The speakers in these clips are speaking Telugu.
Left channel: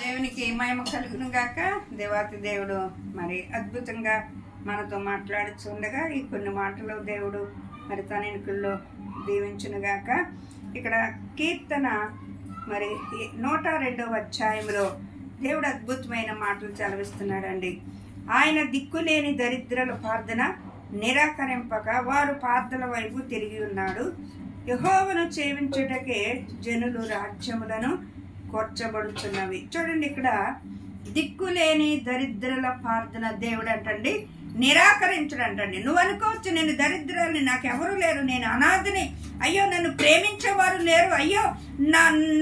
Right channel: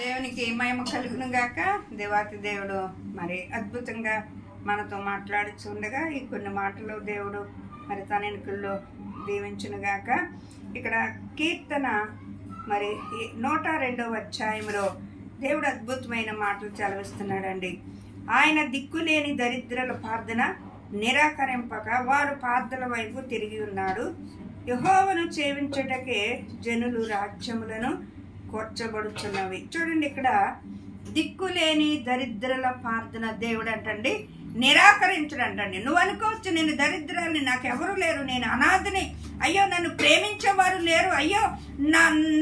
దేవునికి మహిమ కలుగును గాక. దేవాతి దేవుడు మరి అద్భుతంగా మనతో మాట్లాడుచుండగా ఈ కొన్ని మాటలు దేవుడు మరి తన ఎన్నికల్లో దీవించును గాక. ఇక్కడ కీర్తన మరి 102వ అధ్యాయంలో దేవుడు అద్భుతమైన మాటలు చదివిస్తున్నాడండి. ఆయన దిక్కులేని దరిద్రుల ప్రార్థన నిరాకరింపక వారు ప్రార్థన వైపు తిరిగి ఉన్నాడు. యెహోవాను సేవించుటకే జనులు రాజ్యములను కూర్చబడుచున్నవి. చూడండి, ఇక్కడ దిక్కులేని దరిద్రుల ప్రార్థన దేవుడు అంటండి నిరాకరించడంటండి. నువ్వు అనుకోవచ్చు, నేను దరిద్రాన్ని, నాకెవరు లేరు, నేను అనాథని, అయ్యో నన్ను ప్రేమించేవారు లేరు, అయ్యో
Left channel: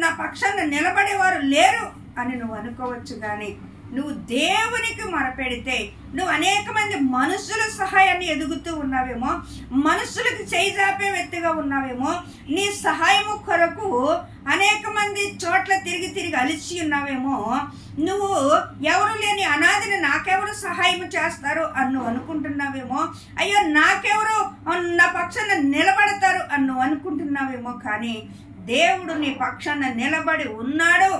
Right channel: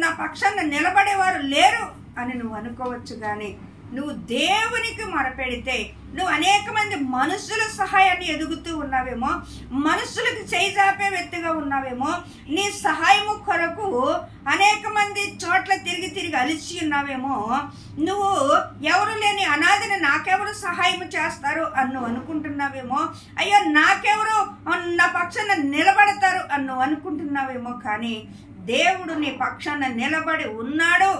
నా పక్షాన నిలబడేవారు లేరు అని నువ్వు అనుకోవచ్చు. కానీ నువ్వు దేవునికి మొరపెడితే, నువ్వు అనేక మంది మనుషుల సహాయాన్ని ఎదుగుతూ ఉన్నావేమో, మనుషులకు చేజాపే వ్యక్తిగా ఉన్నావేమో, నీ సహాయము కొరకు అనేక మంది చోట్ల తిరిగి అలిసి ఉన్నావేమో, నువ్వు ఎవరు లేని అనాథని నాకెవరు సహాయం చేస్తారు అని నువ్వు అనుకుంటున్నావేమో, అయ్యో నాకెవరు నా పక్షాన నిలబడతారు అని నువ్వు అనుకుంటున్నావేమో. కానీ దేవుడు నీ పక్షాన నిలబడి ఉన్నాడు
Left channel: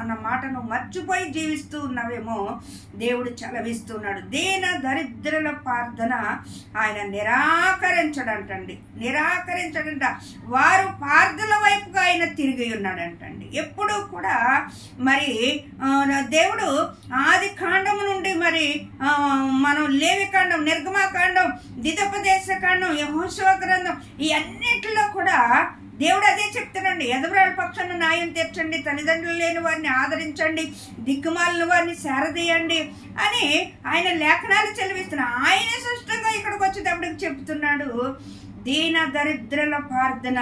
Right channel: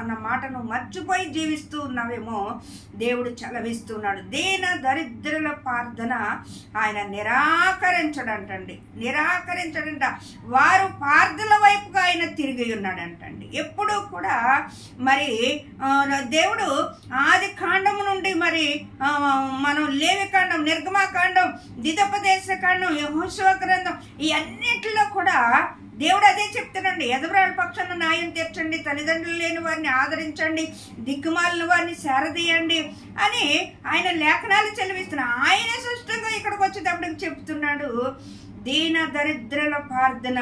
అన్న మాటను మర్చిపోయి జీవిస్తూ ఉన్నావేమో. దేవుడు చలవిస్తున్నాడు. దీన దరిద్రుల ప్రార్థన ఆయన నిరాకరించడంటండి. వారు ప్రార్థన వైపుగా ఆయన తిరిగి ఉన్నాడంటండి. ఎప్పుడూ కూడా మరి దేవుడు ఆది కాండము నుండి మరి మనం లేవికాండం, నిర్గమాకాండం, ద్వితోపదేశ కాండం, యెహోషువ గ్రంథం, ఈ అన్నిటిలో కూడా దేవుడు అదే చెప్తాడండి. ఎదవరాల పక్షాన న్యాయం తీర్చండి, తల్లిదండ్రులు లేని వారిని ఆదరించండి, దిక్కుమాలిన వారిని సేరదీయండి అని ఆయన లేఖనాలు చెలవిస్తున్నాడు. ఆయనే స్పష్టంగా ఇక్కడికి వచ్చేటప్పటికి చెప్తున్నాడు, దీన దరిద్రుల ప్రార్థన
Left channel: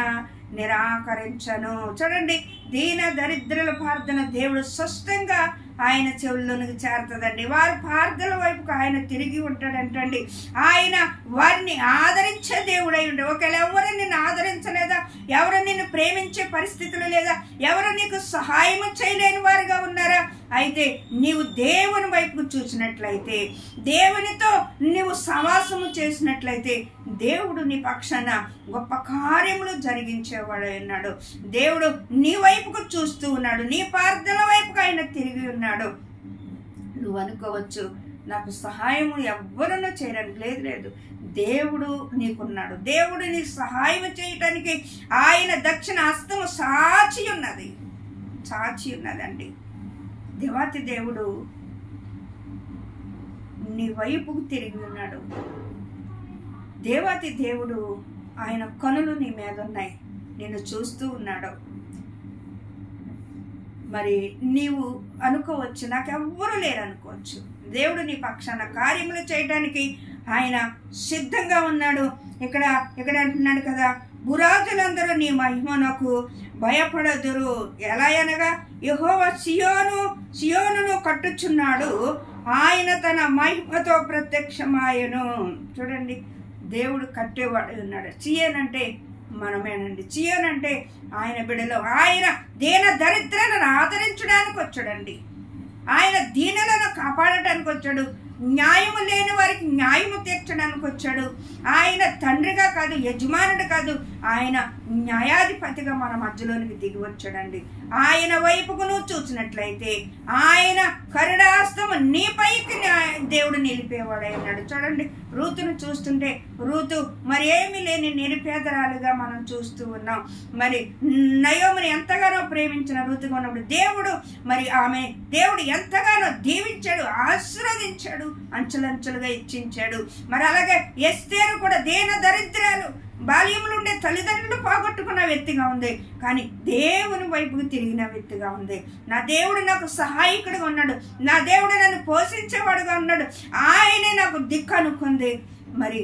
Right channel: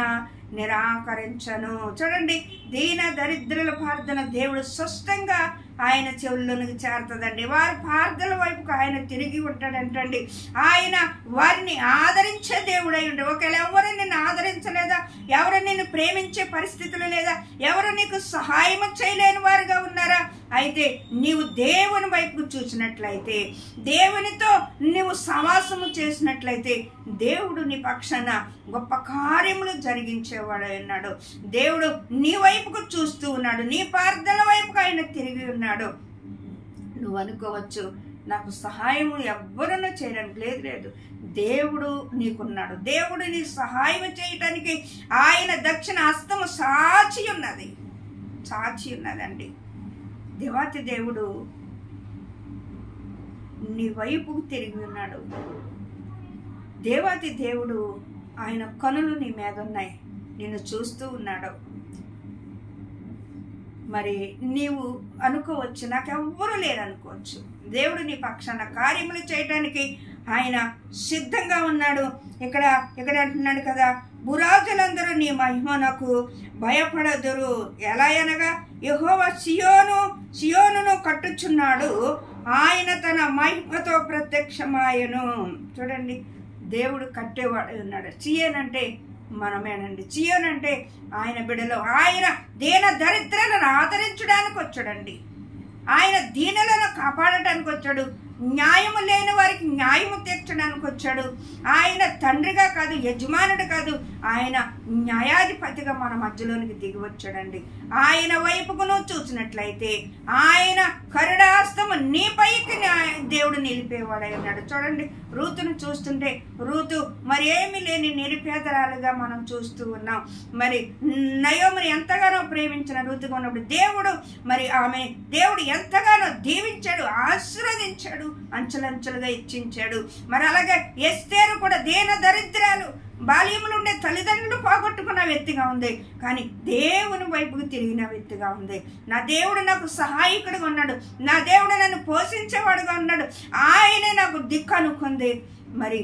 నిరాకరించను. చూడండి, దీన దరిద్రుల ప్రార్థన దేవుడు స్పష్టంగా ఆయన చెవుల్లోనికి చేరుతుందండి. వారి ప్రార్థనల వైపుకు ఆయన తిరిగి ఉంటాడంటండి. ఆయన వారిని ఆదరించే దేవుడై ఉండే. ఒకవేళ ఎవరు నిన్ను ఆదరించలేదా, ఎవరు నిన్ను ప్రేమించే పరిస్థితులు లేదా, ఎవరు నీకు సహాయం చేయలేని వారుగా ఉన్నారా, అయితే నీవు దేవుని వైపుకు చూసినట్లయితే, దేవునితో నీవు సవాసము చేసినట్లయితే దేవుడు నీ పక్షాన గొప్ప కార్యములు జరిగించేవాడు ఉన్నాడు. దేవుడు నీ వైపుకు చూస్తూ ఉన్నాడు, నీ ప్రార్థనల వైపుకు ఆయన తిరిగి ఉన్నాడు. నువ్వు అనుకోవచ్చు, నాకు సహాయము ఎవ్వరూ చేయడానికి లేదు. దేవుడు నీకున్నాడు. దేవుడు నీకు సహాయం చేయటానికి ఆయన దక్షిణ హస్తము సాచి ఉన్నదండి. దేవాతి దేవుడు నీ వైపుకు తిరిగి ఉన్నాడు. దేవాతి దేవుడు ఆయన కనులు నీ మీద ఉన్నాయి, నిన్ను చూస్తూ ఉన్నాడు. మరి నీవు అనుకోవచ్చు, నాకెవ్వరూ లేరు అనుకోవచ్చు. దేవుడు నీ పక్షాన కార్యములు చేయడానికి ఆయన సిద్ధంగా ఉన్నాడు. ఇక్కడ అంటున్నాడు కదా, భూరాజులందరూ నీ మహిమనకు భయపడదురు. ఎలా అనగా, యెహోవా సియోనును కట్టుచున్నాడు, ఆయన తన మహిమతో ప్రత్యక్షమాయను. చూడండి, దేవుడు కట్టేవాడు ఉన్నాడు. సియోను అంటే మనమేనండి. సియోను అంటే ఆయన బిడ్డలు. ఆయన దీన దరిద్రులను ఆదరించడానికి వచ్చాడండి. ఆయన దీనులను కాపాడటానికి వచ్చాడు. న్యాయము లేని వారికి న్యాయము తీర్చడానికి వచ్చాడు. ఆయన తండ్రిగా కాదు, యజమానుడు కాదు, ఆయన న్యాయాధిపతిగా మన మధ్యలోనికి దిగి వచ్చాడండి. ఆయన వైపుకు నువ్వు చూసినట్లయితే ఆయన కరుణాస్తము నీ పైకి దేవుడు నిలిపేవాడై ఉన్నాడు. చూడండి, రూతును చూస్తుంటే రూతు మరి ఏమీ లేని నిరుపేదరాలుగా మనం చూస్తూ ఉన్నాం. మరి నయోమిని ఎంతగానో ప్రేమించిన రూతుగా ఉన్నప్పుడు దేవుడు ఎంతగానో దీవించాడు, ఆశీర్వదించాడు, అంచెలంచెలుగా ఇచ్చించాడు. మరి అలాగే ఎస్తేరు కూడా దీన దరిద్రాలు, బాల్యములు ఉండే తల్లిదండ్రులు పోగొట్టుకున్న వ్యక్తిగా ఉంది, కానీ దేవుని వైపుకు తిరిగిన వ్యక్తిగా ఉంది. నా దేవుడు నాకు సహాయకుడిగా ఉన్నాడు, నా దేవుడు నన్ను పోషించేవాడుగా ఉన్నాడు, ఆయనే నాకు దిక్కు అనుకుంది. మరి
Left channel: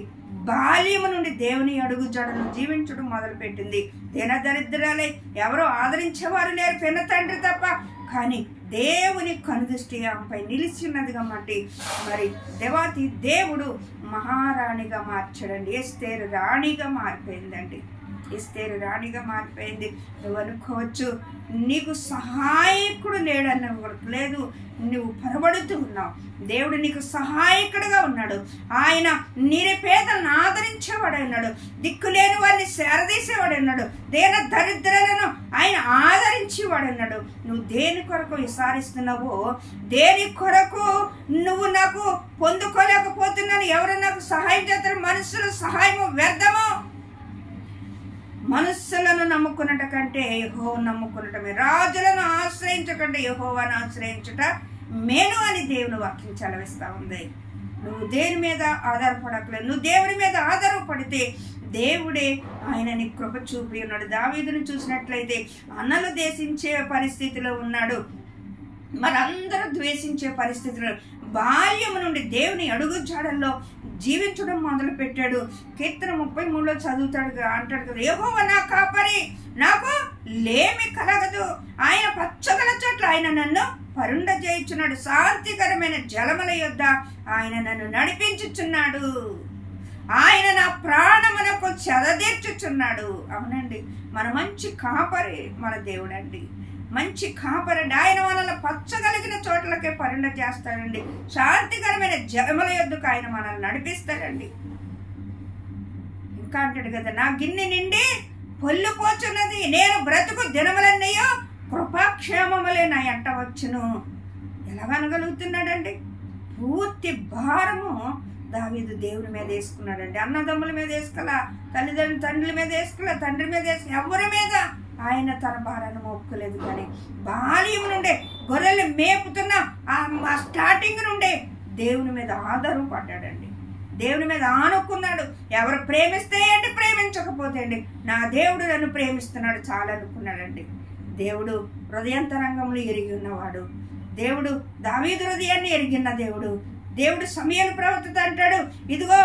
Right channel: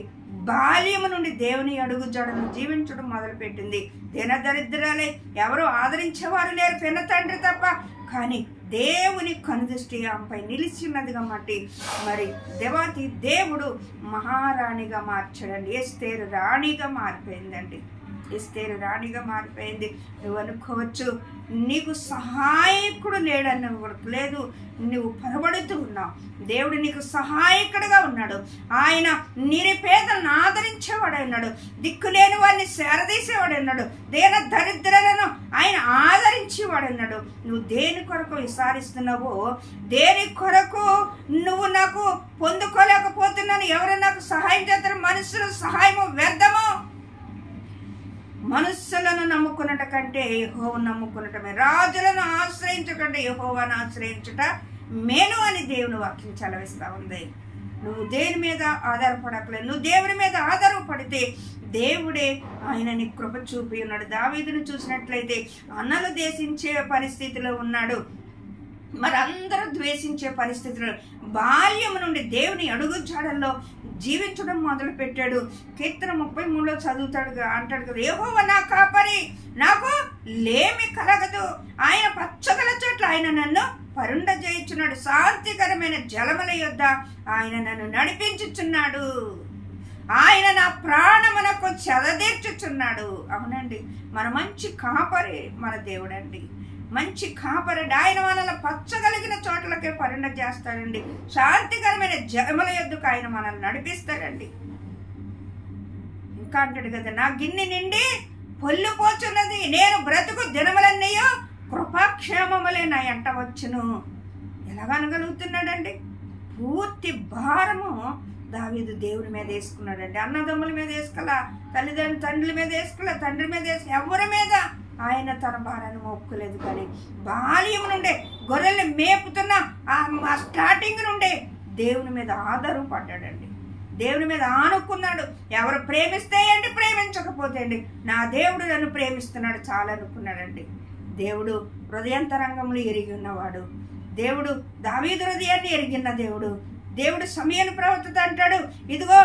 బాల్యము నుండి దేవుని అడుగు జడను జీవించడం మొదలుపెట్టింది. దీన దరిద్రాలే, ఎవరో ఆదరించేవారు లేరు, పిన్న తండ్రి తప్ప. కానీ దేవుని కనుదృష్టి ఆమెపై నిలిచినదిగా మట్టి మరి దేవాతి దేవుడు మహారాణిగా మార్చాడండి. ఎస్తేరు రాణిగా మారిపోయిందండి. ఎస్తేరు రాణిగా మారిపోయింది. నువ్వు అనుకోవచ్చు నీకు సహాయకుడు లేడన్న లేదు, నువ్వు పొరబడుతూ ఉన్నావు. దేవుడు నీకు సహాయకుడుగా ఉన్నాడు. ఆయన నిరుపేదలను ఆదరించేవాడు ఉన్నాడు. దిక్కులేని వారిని సేరదీసేవాడు ఉన్నాడు. దేన దరిద్రులను ఆయన ఆదరించేవాడు ఉన్నాడు. నువ్వు దేని కొరకు విసారిస్తున్నావో, దేని కొరకు నువ్వు నాకు పొందుకోలేకపోతున్నాను, ఎవరు నాకు సహాయం చేస్తారు, మనుషుల సహాయము వ్యర్థము. మనుషులను నమ్ముకున్నట కంటే యెహోవాను నమ్ముకున్నటమే, రాజులను ఆశ్రయించకంటే యెహోవాను ఆశ్రయించుట మేలు అని దేవుని వాక్యం చలవిస్తూ ఉంది. నువ్వు దేని మీద ఆధారపడకలేదు, నువ్వు దేవుని మీద ఆధారపడితే దేవుడే ఆయన నీ కృప చూపి ఉన్నాడు. దావీదును చూసినట్లయితే అన్నలు దేశించే పరిస్థితిలో ఉన్నాడు, మరందరూ ద్వేషించే పరిస్థితులు. బాల్యము నుండి దేవుని అడుగు జాడల్లో జీవించడం మొదలు పెట్టాడు. కీర్తన 33లో చదువుతాడు, అంటాడు కదా, యెహోవా నా కాపరి, నాకు లేమి కలగదు. ఆయన పచ్చగల చోట్ల ఆయన నన్ను పరుండజేయుచున్నాడు. శాంతికరమైన జలముల యొద్ద ఆయన నన్ను నడిపించుచున్నాడు. ఆయన నా ప్రాణమునకు చెదదీర్చుచున్నాడు. అవునండి, మన మంచి కాపరి మన దేవుడండి, మంచి కాపరండి. ఆయన మనల్ని పచ్చగలిగిన చోట్లకే పరుండ చేస్తాడండి. శాంతికరమైన జలముల యొద్దకు ఆయన మనల్ని నడిపిస్తాడండి. ఇంకా అంటాడు కదా, నా గిన్నె నిండి పొల్లిపోచున్నది, నేను బ్రతుకు దినములన్నయ్యో కృపాక్షేమములే నా ఎంట వచ్చును. ఎలాగనగలుగుతున్నాడండి? పూర్తి భారము దావీదు దేవుని మీద వేసుకున్నాడండి. అన్నదమ్ముల మీద వేసుకోలే, తండ్రుల మీద వేసుకోలే, తండ్రి మీద వేసుకుని ఎవరి మీద ఆయన తన భారాన్ని మోపుకోలేదు. కానీ బాల్యం నుండే గొర్రెల్ని మేపుతున్న ఆ స్టార్టింగ్ నుండే దేవుని మీద ఆధారపడ్డాడండి. దేవుని మీద ఆనుకున్నాడు. ఎవరు ప్రేమిస్తే ఏంటి, ప్రేమించకపోతే ఏంటి, నా దేవుడు నన్ను ప్రేమిస్తున్నాడు చాలా అనుకున్నాడండి. దేవుడు హృదయాంతరంగంలో ఎరిగి ఉన్నవాడు. దేవుడు దావీదు హృదయాన్ని ఎరిగిన దేవుడు. దేవుడు సమయను ప్రవర్తిత అంటాడు, ఇదిగో